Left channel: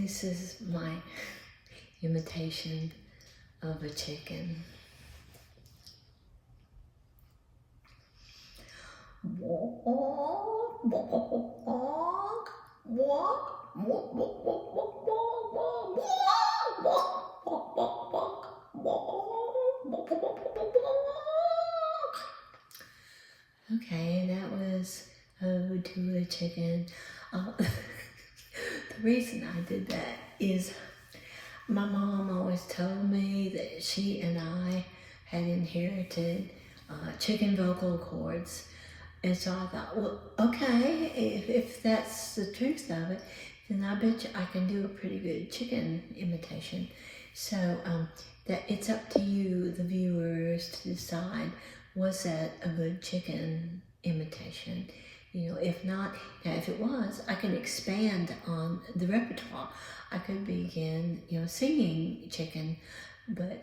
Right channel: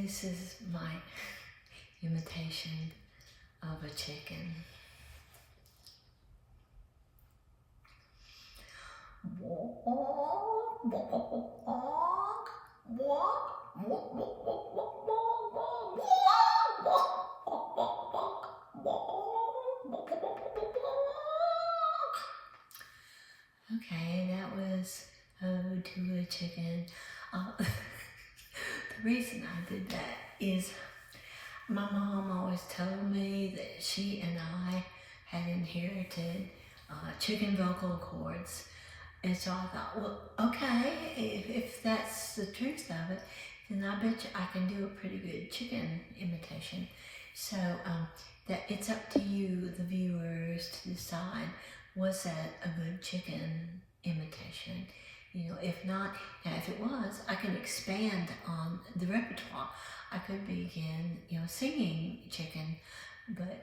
This is my imitation of a chicken. Okay, that was Ode to a Chicken. The reason I did that is my mom always told me that she and I had inherited chicken vocal cords. And so I thought, well, okay, if that's the truth of it, then I bet you I can do a pretty good chicken imitation. So that it's up to you, the viewers, to decide, was that a good chicken imitation? You know, if not, now if it was, I can expand on the repertoire. I could begin, you know, singing chicken, but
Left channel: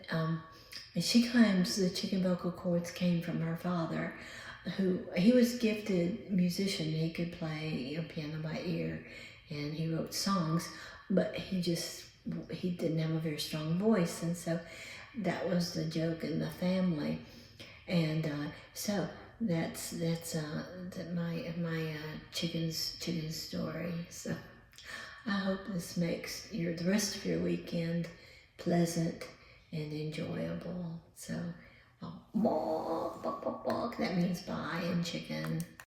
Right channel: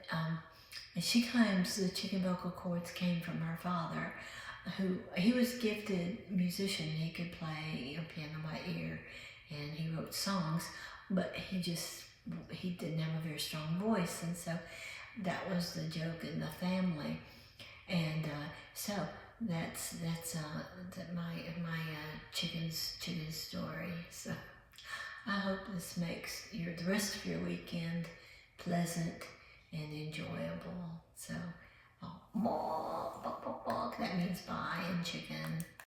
she claims the chicken vocal cords came from her father, who, he was a gifted musician. He could play, you know, piano by ear, and he wrote songs, but he didn't have a very strong voice, and so that was the joke in the family. And so that's my chicken story. So I hope this makes the rest of your weekend pleasant and enjoyable. So that means bye in chicken.